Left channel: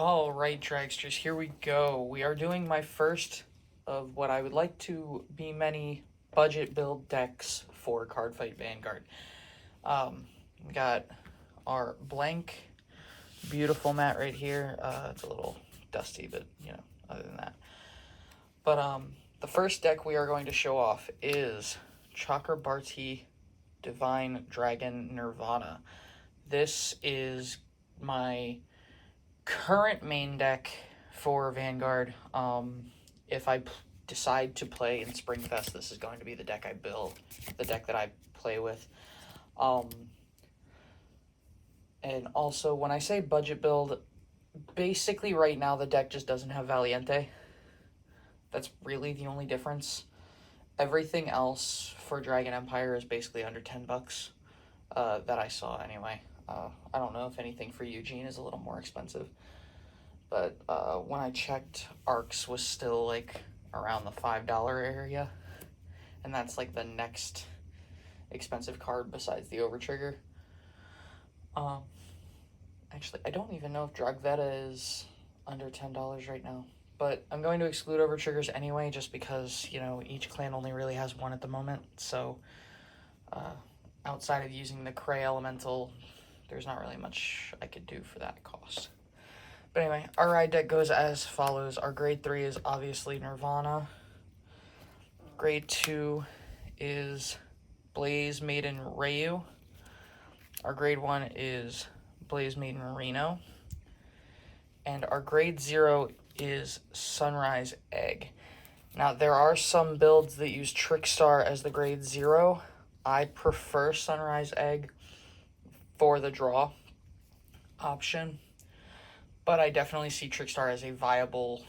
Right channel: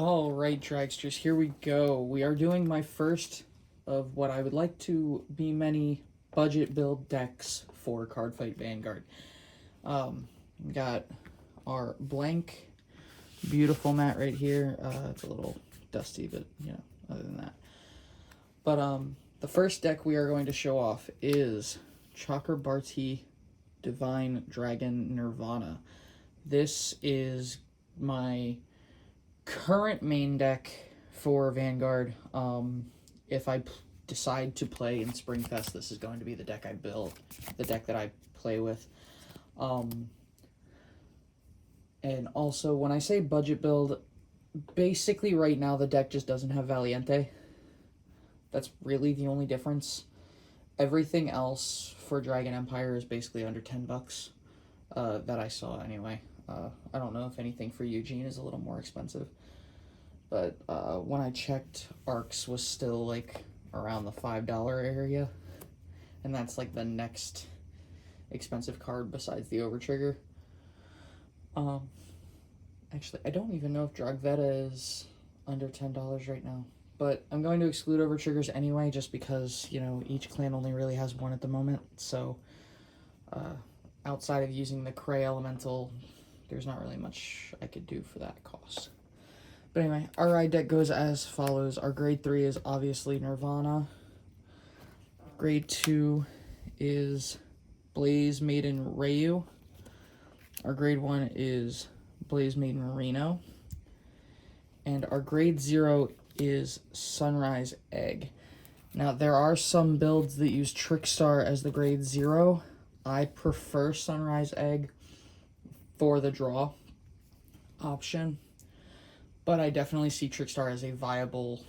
Alright, dragsters, here we go. We are doing my first of what I would like to be many budget build decks for Cardfight Vanguard. We got our blank, beautiful mat right here. It's a little dusty, but, you know, other than that. But, the first deck we are going to show off is Chakrabarti Divine Dragon Nirvana. This is my current main deck for Vanguard. If I decide to play in Springfest, this is going to be the deck I build, the deck that I play with. And also, when I say budget build, basically right now the deck just doesn't have Valiente. That's really the only difference. Everything else for Dragon Empire is basically under 10 bucks, that I saw anyway. I don't know if anything for Eugene is a little more expensive, but when I checked, Arcs was still like around the $5 area, and that's like the next expensive card besides the Overtrigger. Actually, I don't even know if Dragveta is under $10 right now, but I'm going to exclude Overtriggers anyway, just because, you know, each clan only really has one at the moment, so outside of using the Cray Elemental, there's not really much I could do for that cost. But anyway, our ride deck goes as follows. Our grade 3 is obviously Nirvana. Grade 2 is Blaze Maiden Rayu. Our grade 1 is Blaze Maiden Reno. And our grade 0 is Sunrise Egg. Now, there are some builds that use Trickstar as the grade 0. I prefer Sunrise Egg for the draw option, but I definitely see Trickstar as a viable,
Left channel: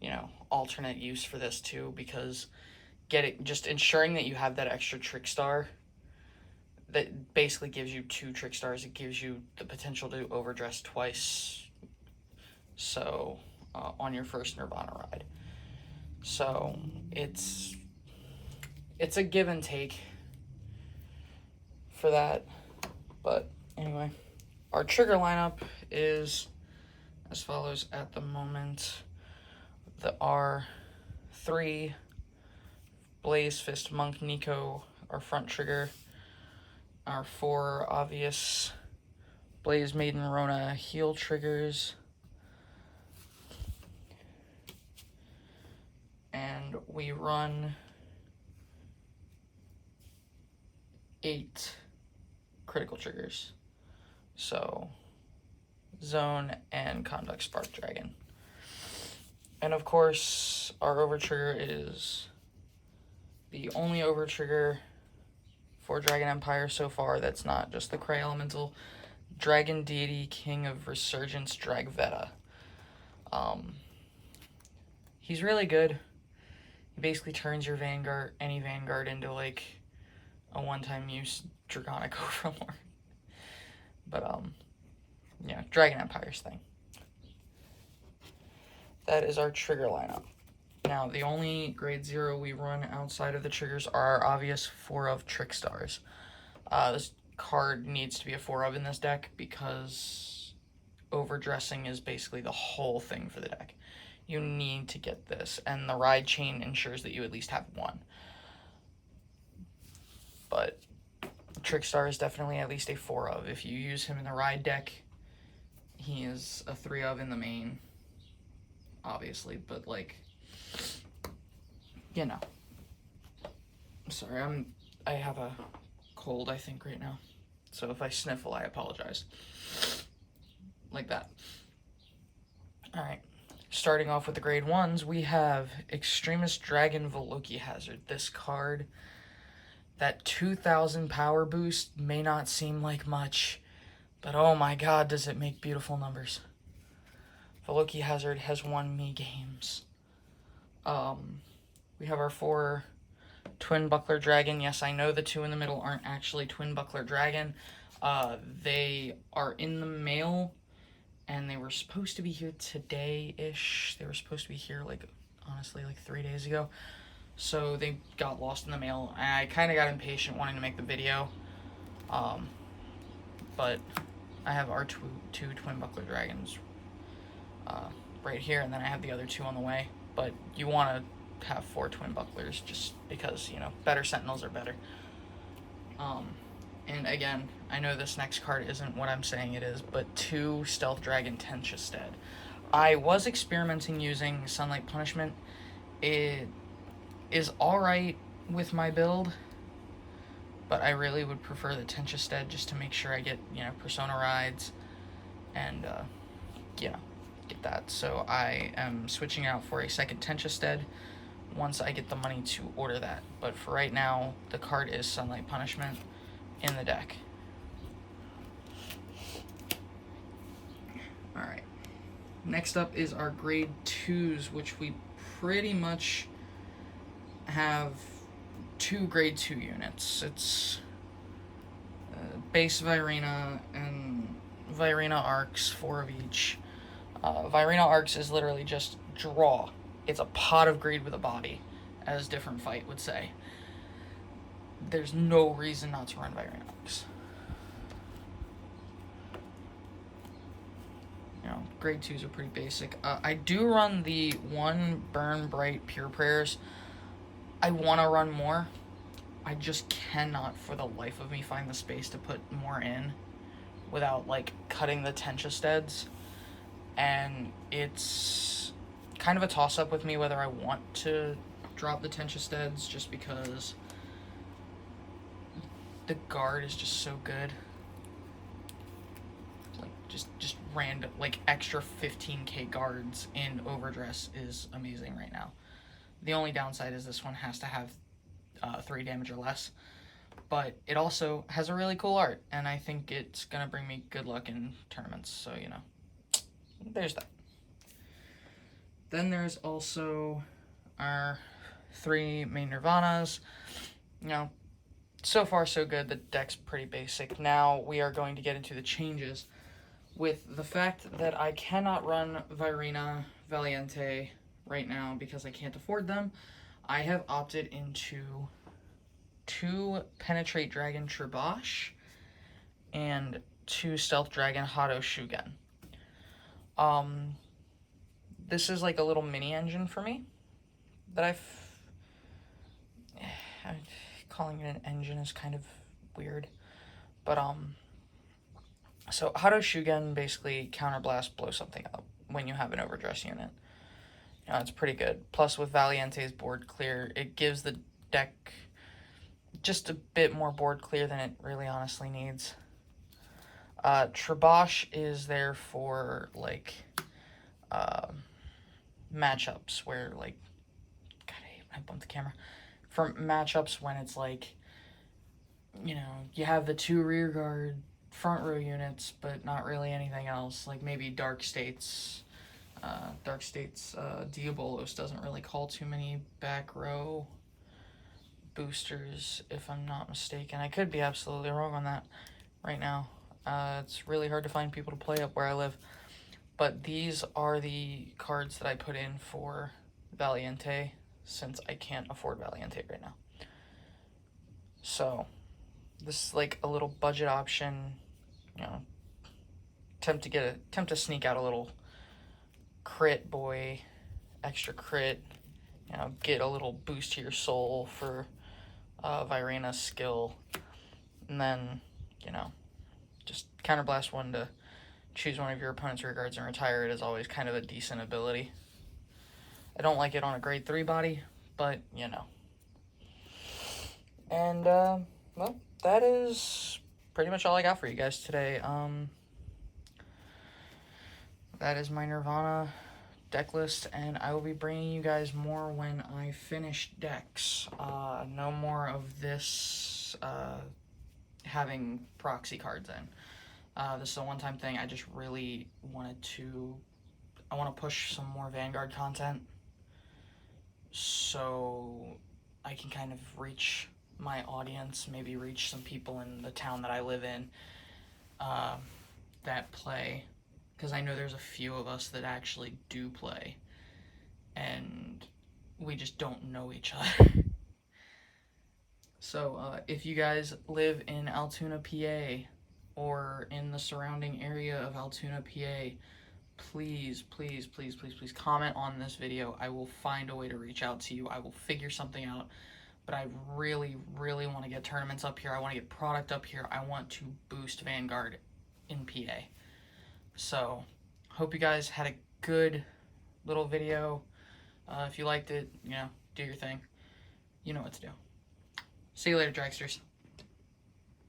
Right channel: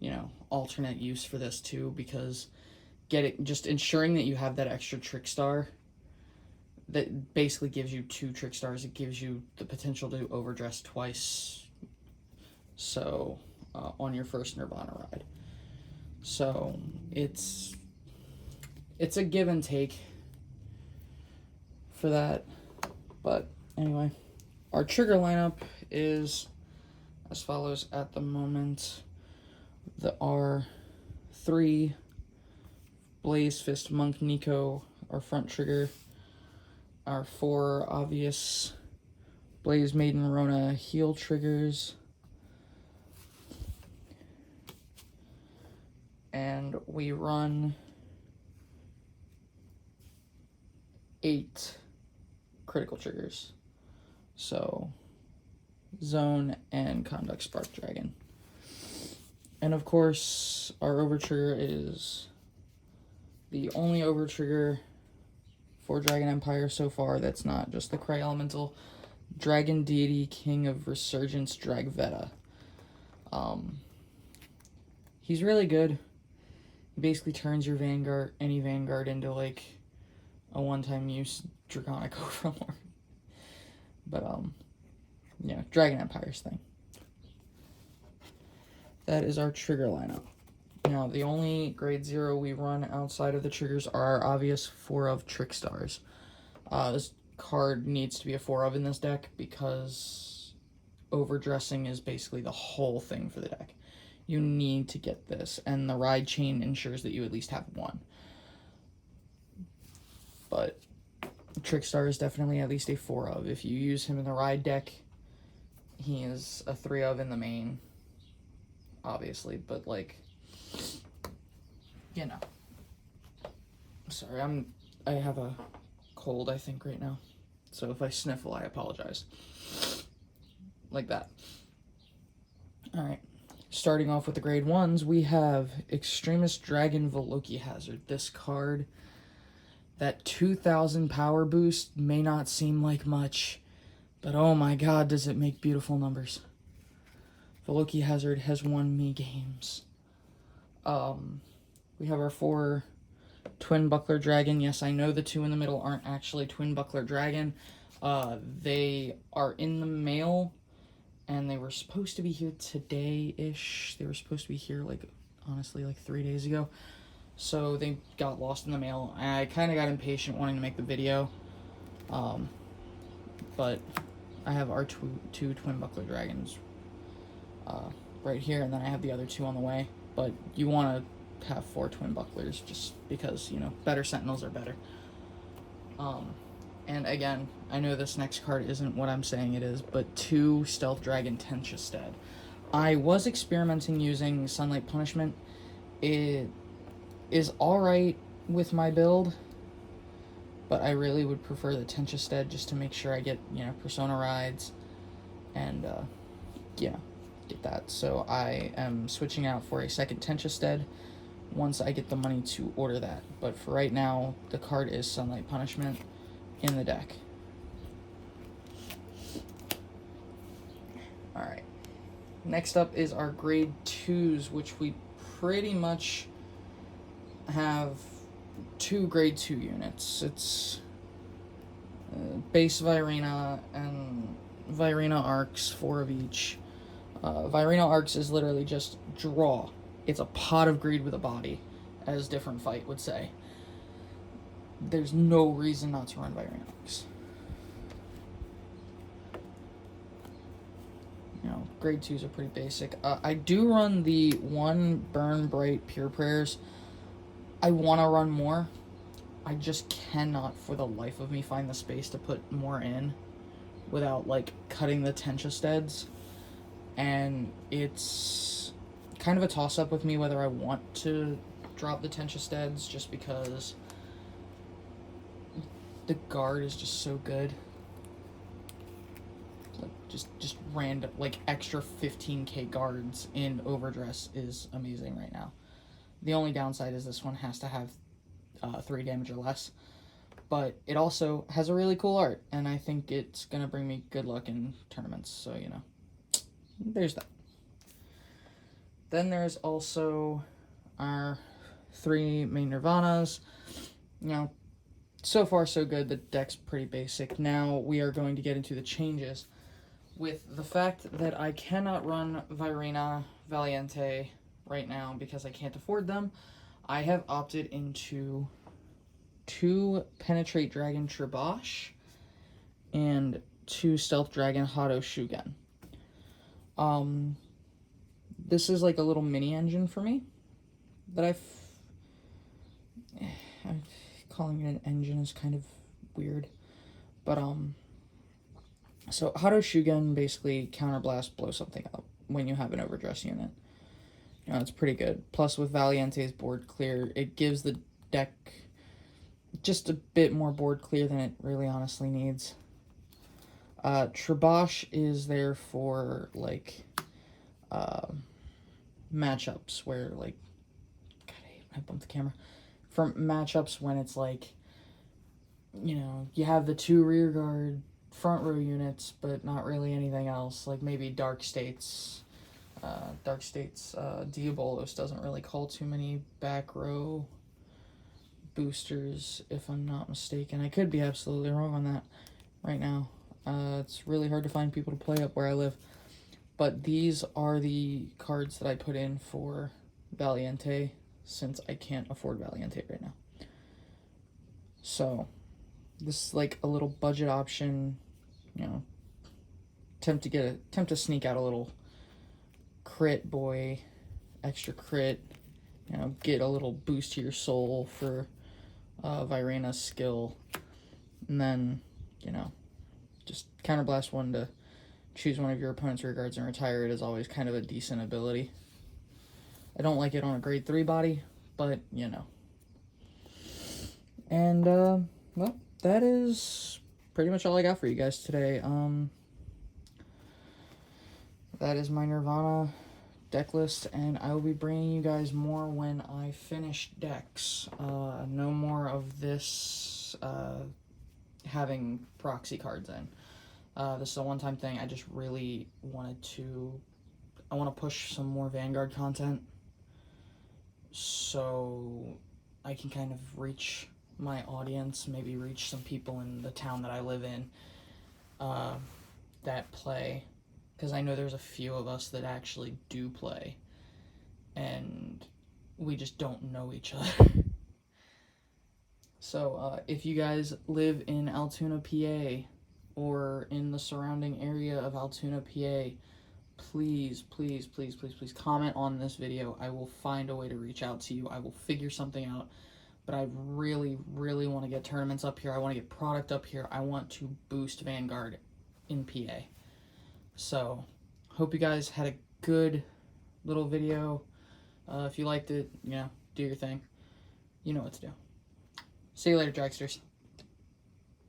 you know, alternate use for this too, because just ensuring that you have that extra Trickstar that basically gives you 2 Trickstars. It gives you the potential to overdress twice, so on your first Nirvana ride. So it's a give and take for that. But anyway, our trigger lineup is as follows at the moment. Our 3 Blaze Fist Monk Nico, our front trigger. Our 4 obvious Blaze Maiden Rona heel triggers. And we run 8 critical triggers. So, Zone and Conduct Spark Dragon. And of course, our Overtrigger is the only Overtrigger for Dragon Empire so far that's not just the Cray Elemental. Dragon Deity King of Resurgence Dragveta. He's really good. He basically turns your Vanguard, any Vanguard, into like a one-time use Draconic Overlord. But, yeah, Dragon Empire's thing. That is our trigger lineup. Now, the only grade 0 we run outside of the triggers are our obvious 4 of Trickstars. This card needs to be a 4 of in this deck because overdressing is basically the whole thing for the deck. You need to get this, and the ride chain ensures that you at least have 1. But Trickstar is definitely at least a 4 of. If you use him in the ride deck, he is a 3 of in the main, obviously, but like, you know. Sorry, I have a cold, I think, right now. So if I sniffle, I apologize. Like that. Alright. Starting off with the grade 1s, we have Extremist Dragon Veloki Hazard. This card, that 2,000 power boost may not seem like much, but oh my god, does it make beautiful numbers. Veloki Hazard has won me games. We have our 4 Twin Buckler Dragon. Yes, I know the 2 in the middle aren't actually Twin Buckler Dragon. They are in the mail, and they were supposed to be here today-ish. They were supposed to be here, like, honestly, like 3 days ago. So they got lost in the mail. I kind of got impatient wanting to make the video. But I have our two Twin Buckler Dragons right here, and then I have the other 2 on the way. But you want to have 4 twin bucklers just because, you know, better sentinels are better. And again, I know this next card isn't what I'm saying it is, but 2 Stealth Dragon Tenchestead. I was experimenting using Sunlight Punishment. It is alright with my build, but I really would prefer the Tenchestead just to make sure I get, you know, Persona rides and, you know, get that. So I am switching out for a second Tenchestead once I get the money to order that. But for right now, the card is Sunlight Punishment in the deck. Alright. Next up is our grade 2s, which we pretty much have 2 grade 2 units. It's base Virena and Virena Arcs, 4 of each. Virena Arcs is literally just draw. It's a pot of greed with a body, as Different Fight would say. There's no reason not to run Virena Arcs. You know, grade 2s are pretty basic. I do run the 1 Burn Bright Pure Prayers. I want to run more. I just cannot, for the life of me, find the space to put more in without, like, cutting the Tenchesteads. And it's kind of a toss-up with me whether I want to drop the Tenchesteads just because the guard is just so good. Like, just random, like, extra 15k guards in Overdress is amazing right now. The only downside is this one has to have 3 damage or less, but it also has a really cool art, and I think it's going to bring me good luck in tournaments, so, you know, there's that. Then there's also our 3 main Nirvanas. You know, so far so good. The deck's pretty basic. Now we are going to get into the changes. With the fact that I cannot run Virena Valiente right now because I can't afford them, I have opted into 2 Penetrate Dragon Tribosh and 2 Stealth Dragon Hado Shugen. This is like a little mini engine for me that calling it an engine is kind of weird, but so Hado Shugen basically counterblast blow something up when you have an Overdress unit. You know, it's pretty good. Plus with Valiente's board clear, it gives the deck just a bit more board clear than it really honestly needs. Tribosh is there for, like, matchups where, like, God, I bumped the camera. For matchups when it's, like, you know, you have the 2 rear guard front row units, but not really anything else. Like, maybe Dark States. Diabolos doesn't really call too many back row boosters, if I'm not mistaken. I could be absolutely wrong on that right now. It's really hard to find people to play up where I live. But these are the cards that I put in for Valiente, since I can't afford Valiente right now. So, this is like a little budget option, you know, attempt to sneak out a little crit boy, extra crit, you know, get a little boost to your soul for Virena's skill, and then, you know, just counterblast 1 to choose one of your opponent's rear guards and retire it is always kind of a decent ability. I don't like it on a grade 3 body, but, you know. And, well, that is pretty much all I got for you guys today. That is my Nirvana deck list, and I will be bringing you guys more when I finish decks. No more of this having proxy cards in. This is a one-time thing. I just really wanted to... I want to push some more Vanguard content so I can kind of reach my audience, maybe reach some people in the town that I live in that play. Because I know there's a few of us that actually do play, and we just don't know each other. So, if you guys live in Altoona, PA, or in the surrounding area of Altoona, PA, please, please, please, please, please comment on this video. I will find a way to reach out to you. I will figure something out. But I really, really want to get tournaments up here. I want to get product up here. I want to boost Vanguard in PA. So, hope you guys had a good little video. If you liked it, you know, do your thing. You know what to do. See you later, dragsters.